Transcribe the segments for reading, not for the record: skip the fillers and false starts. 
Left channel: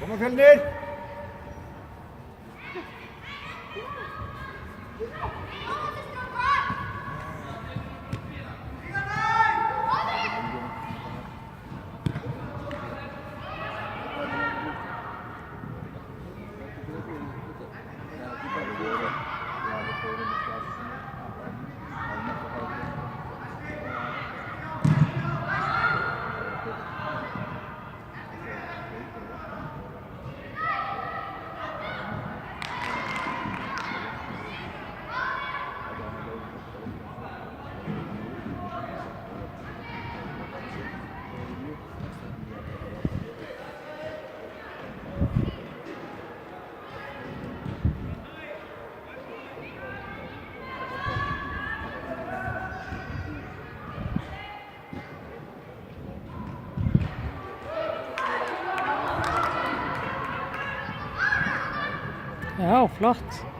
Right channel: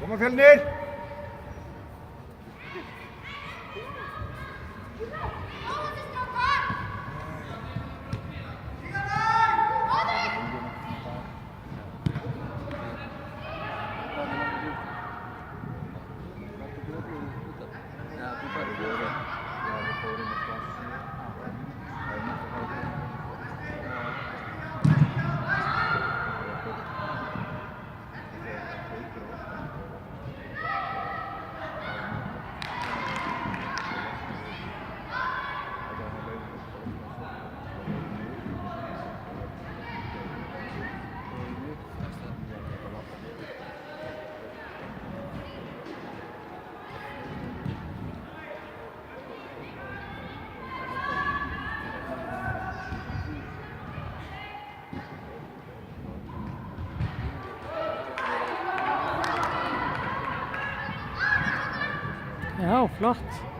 Kom maar, Fjellner! Ja, flott.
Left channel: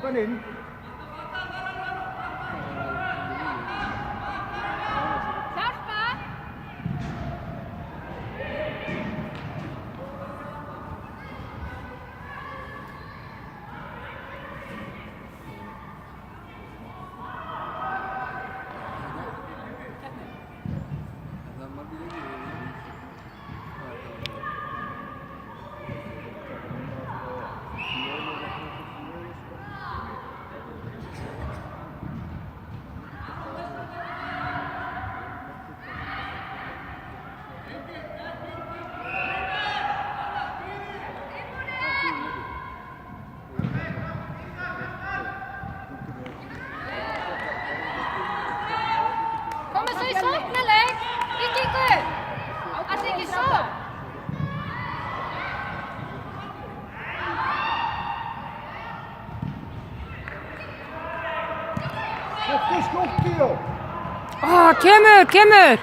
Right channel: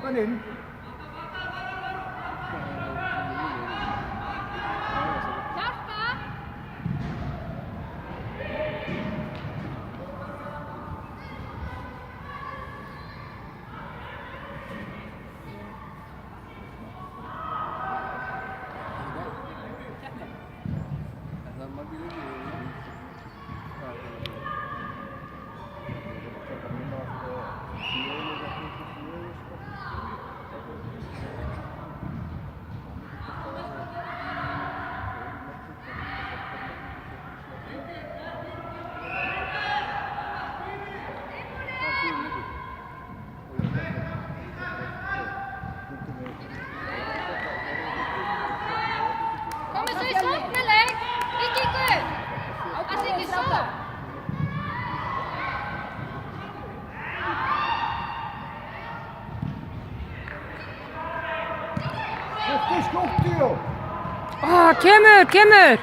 Kom den inn. Skjóttu! Kemur! Kemur!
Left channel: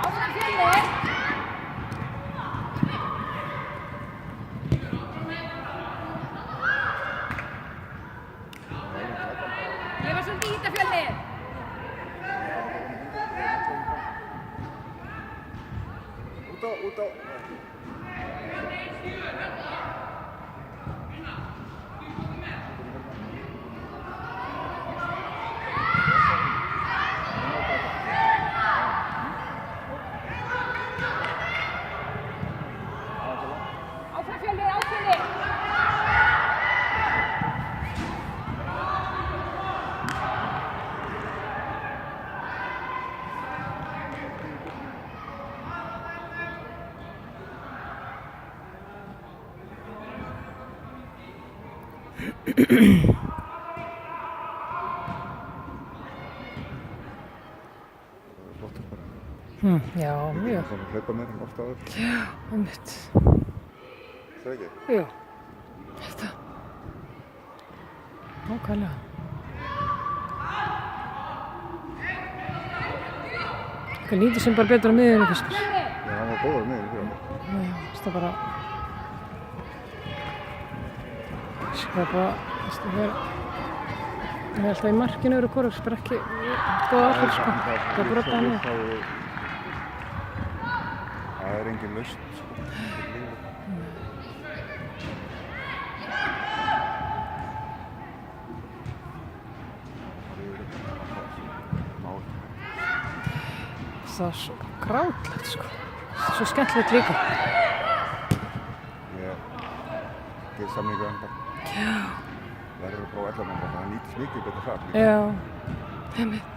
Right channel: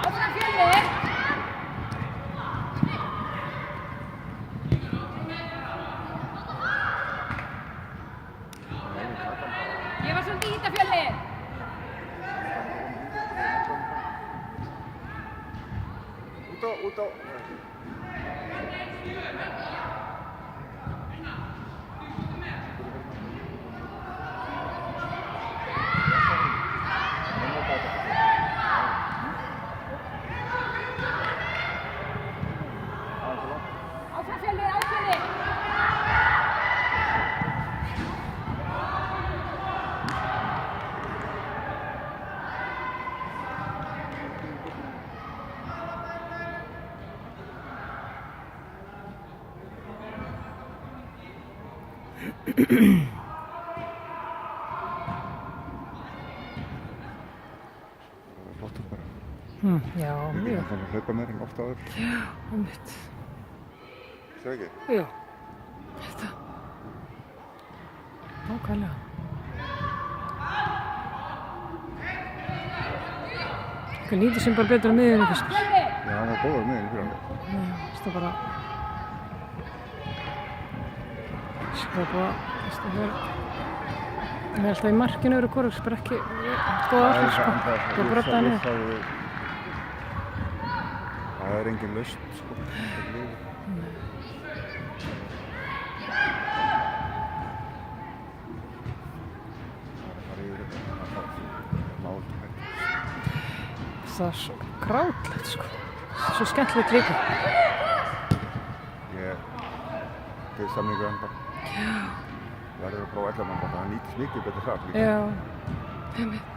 Áfram Fjölnir! Út á. Já, mjög. Það hlaupa mér oft áður. Já, einmitt. Svo ekki? Já, þetta. Nákvæmlega. Það nýtist sem bara betur á miðjunni fyrst. Já, hann var góður miðjunni. Það bara... Skapa, það er alltaf í markinu eru Kóruks, bara ekki góða áhrif, sko. Það er brotnaði niður. Það er engin lausn, sko. Það er svo grátlegt, sko. Svo skemmtilegt líka. Ég gerði samningu enda. Já. Verður að prófa 11 mann, það nýtist mikið betur þar líka. Já, einmitt.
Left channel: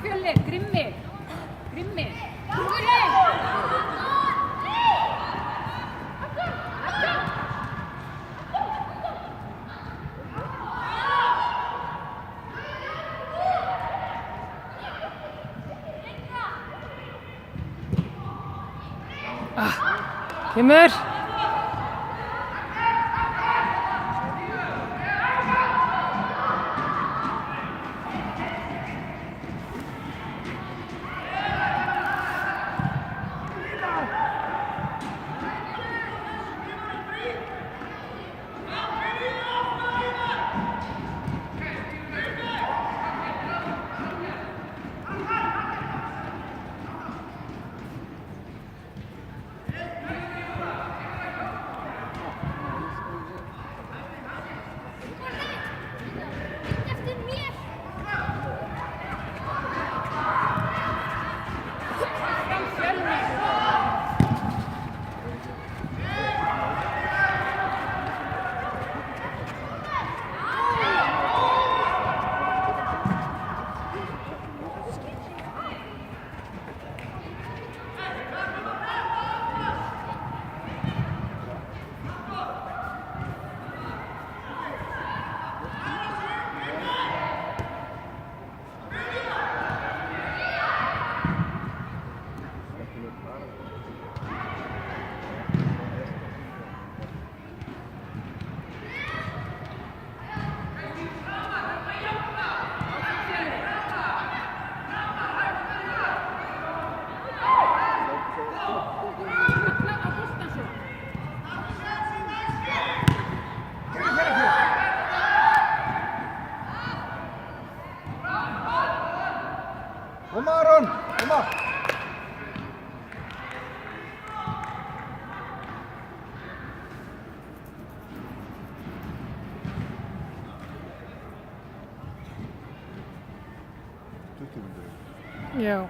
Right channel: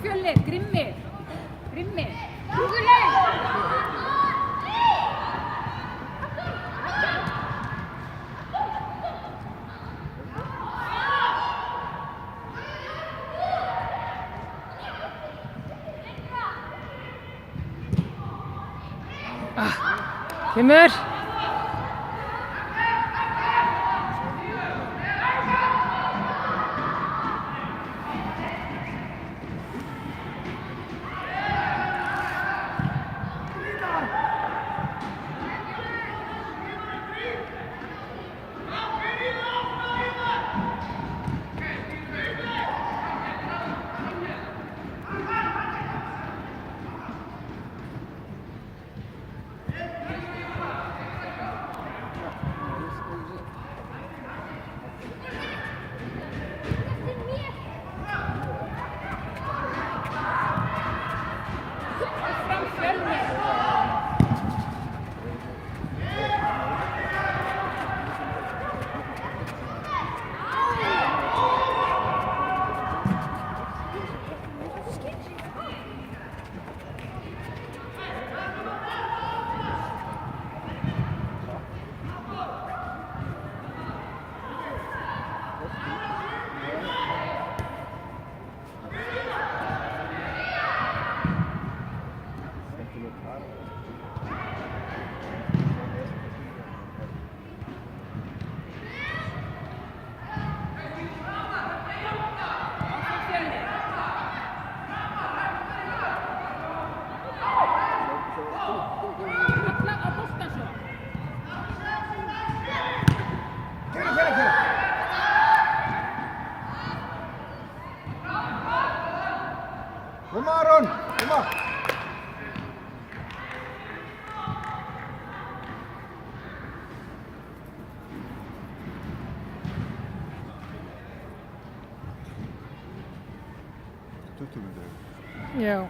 Fjölnir, Grimmi, Hugurleik! Kemur! nútímyndir. Já.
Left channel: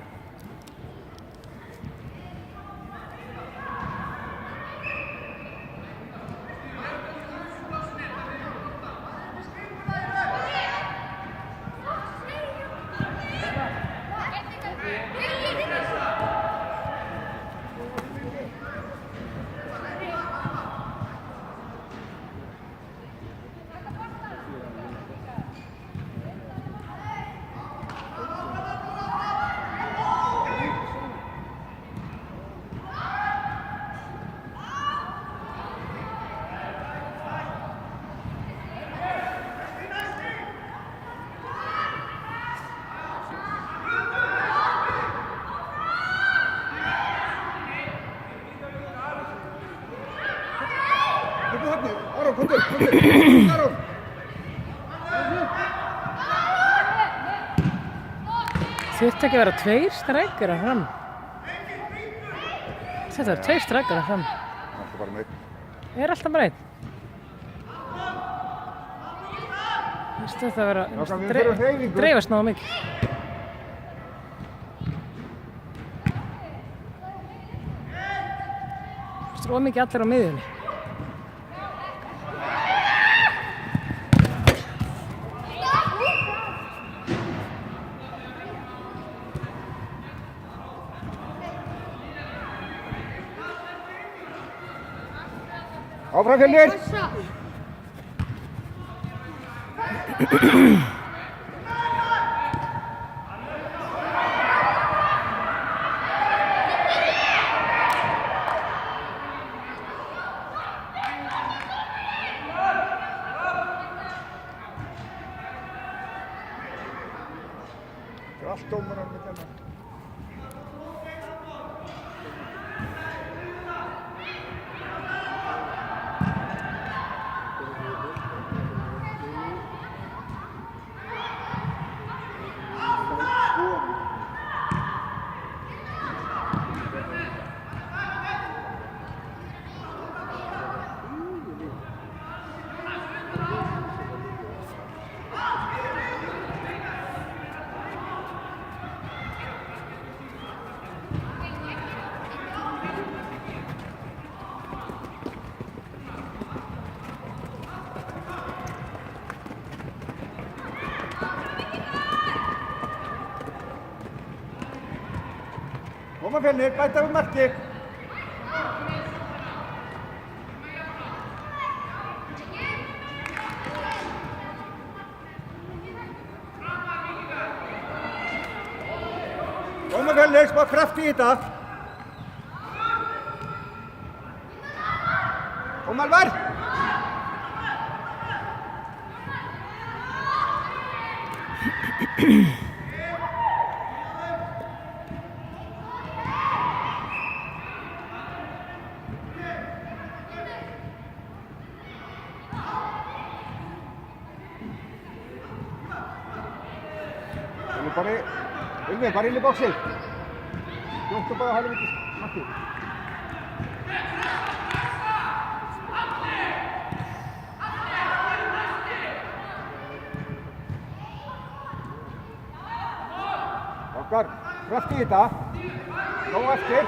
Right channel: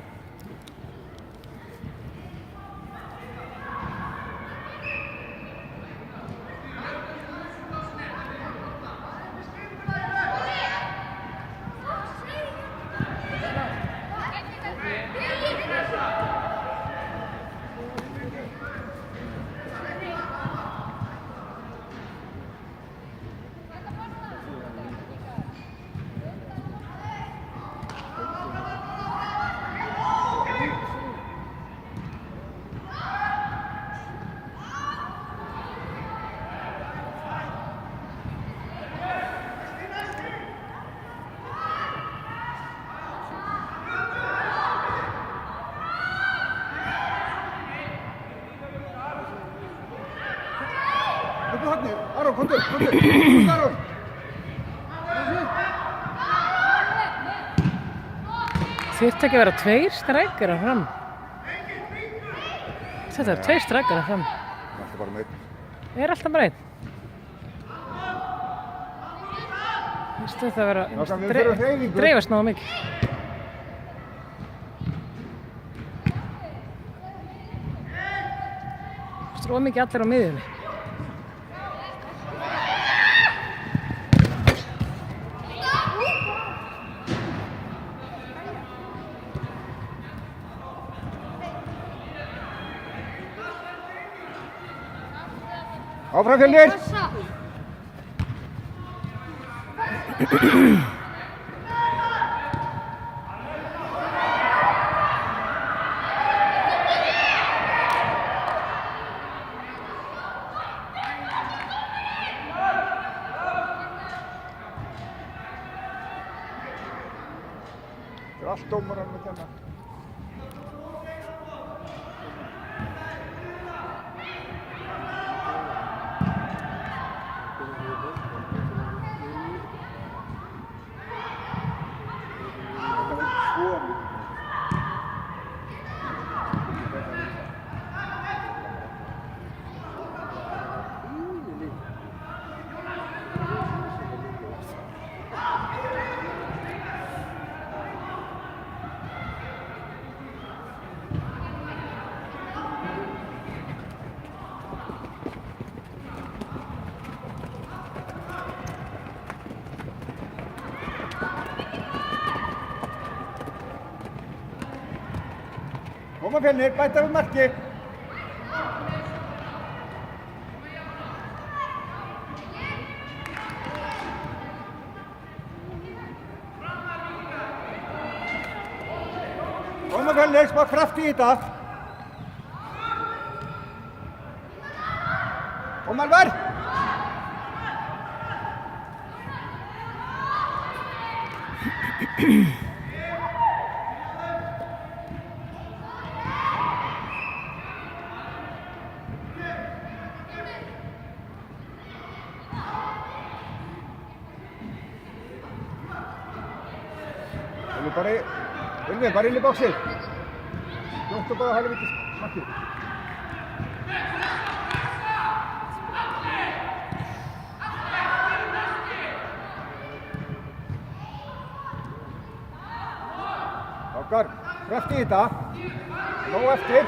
Upp á hornið, Aron, komdu, Aron! Þurfti ekki að vera 2 strækjarar fram. Þetta er 2 strækjarar fram. Þetta bara með einn. Alltaf bara 1. Þetta að vera dreifast náðu mikið. Þetta er mikið allir á miðjunni. Áfram Fjölnir! Það er allt dómarar með þennan. Koma Fjölnir, bæta við marki! Koma Fjölnir, smá kraft í þetta! Kom Alvar! Bara inn í boxið. Þú ætti bara að hafa mikið snakki. Okkar, kraft í þetta. Nóg eftir.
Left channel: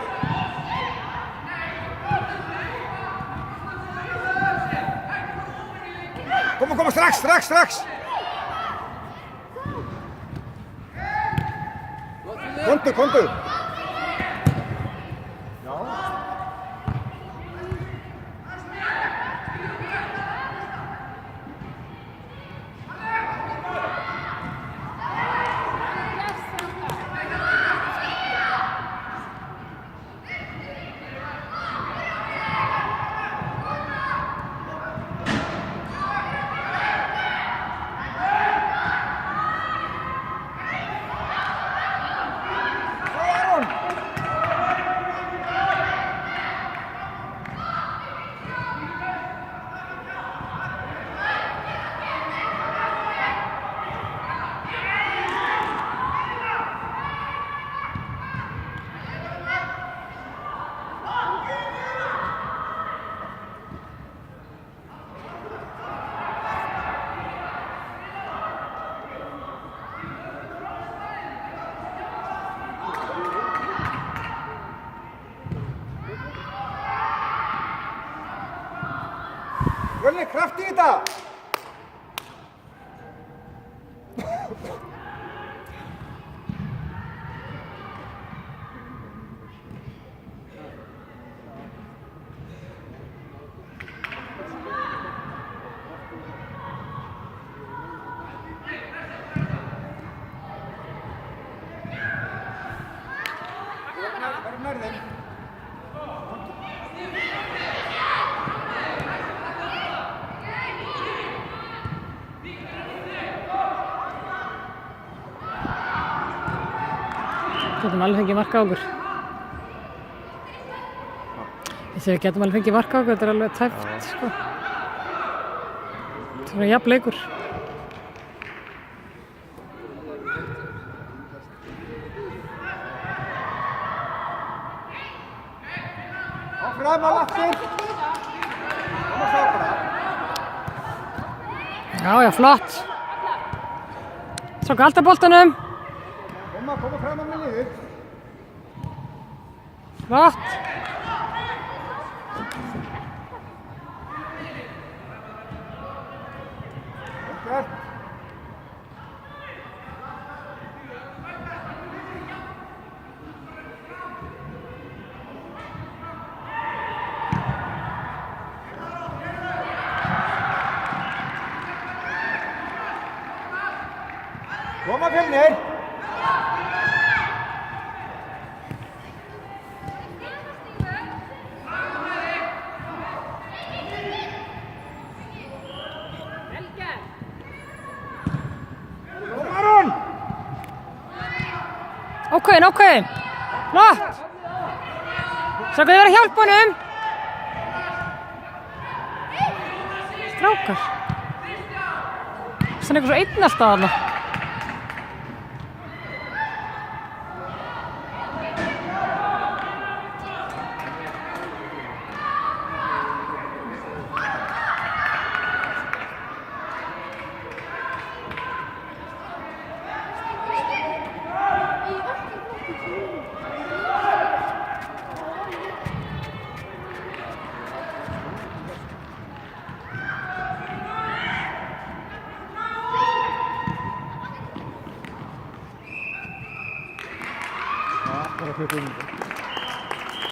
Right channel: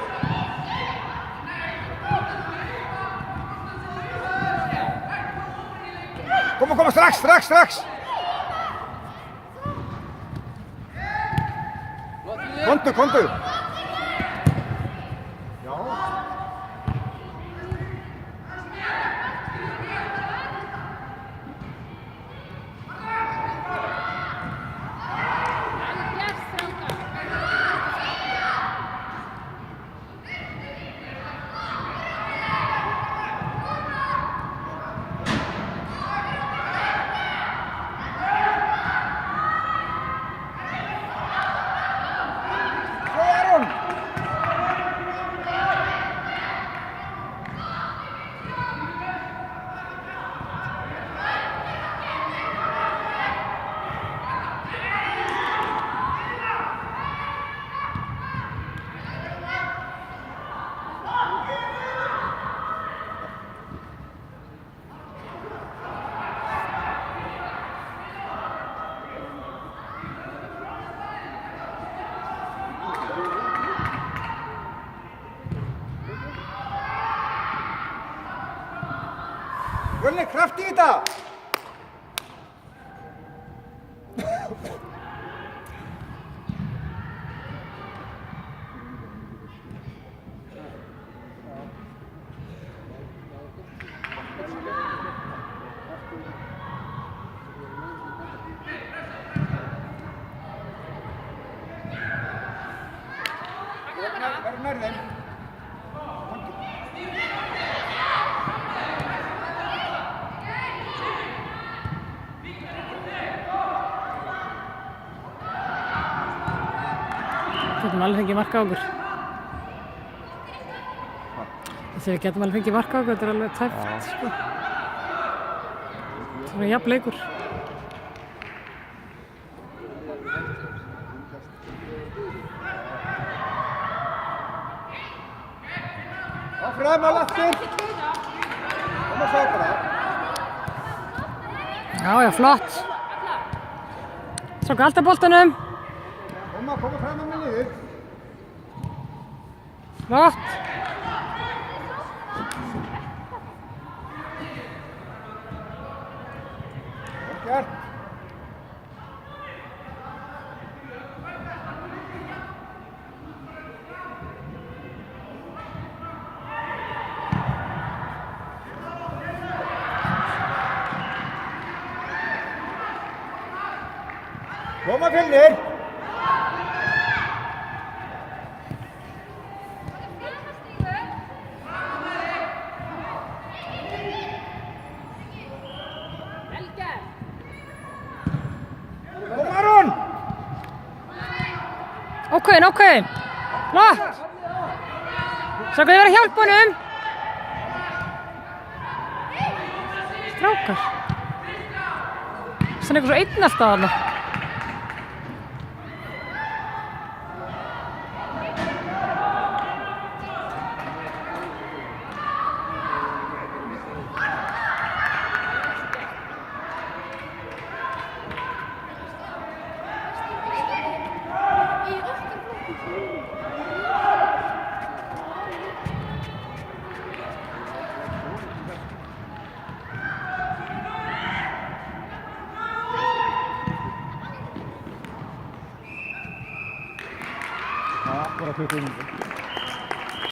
Koma, strax! Komdu! Fjölnir, kraft í þetta! Verður nær þeim. Getum alveg fengið mark á okkur. Við getum alveg fengið mark á okkur, þetta er alveg tæft, sko. Svona jafn leikur. Áfram á laftur. Koma sjá bara. Já, flott. Svo halda boltanum. Koma fram á minniðu. Flott. Gert. Koma Fjölnir. Aron! Ákveðin. Flott. Svo kann ég vera að hjálpa honum. Strákar. Það er eitthvað svo einn alltaf þarna. Ja, bara 20 mínútur.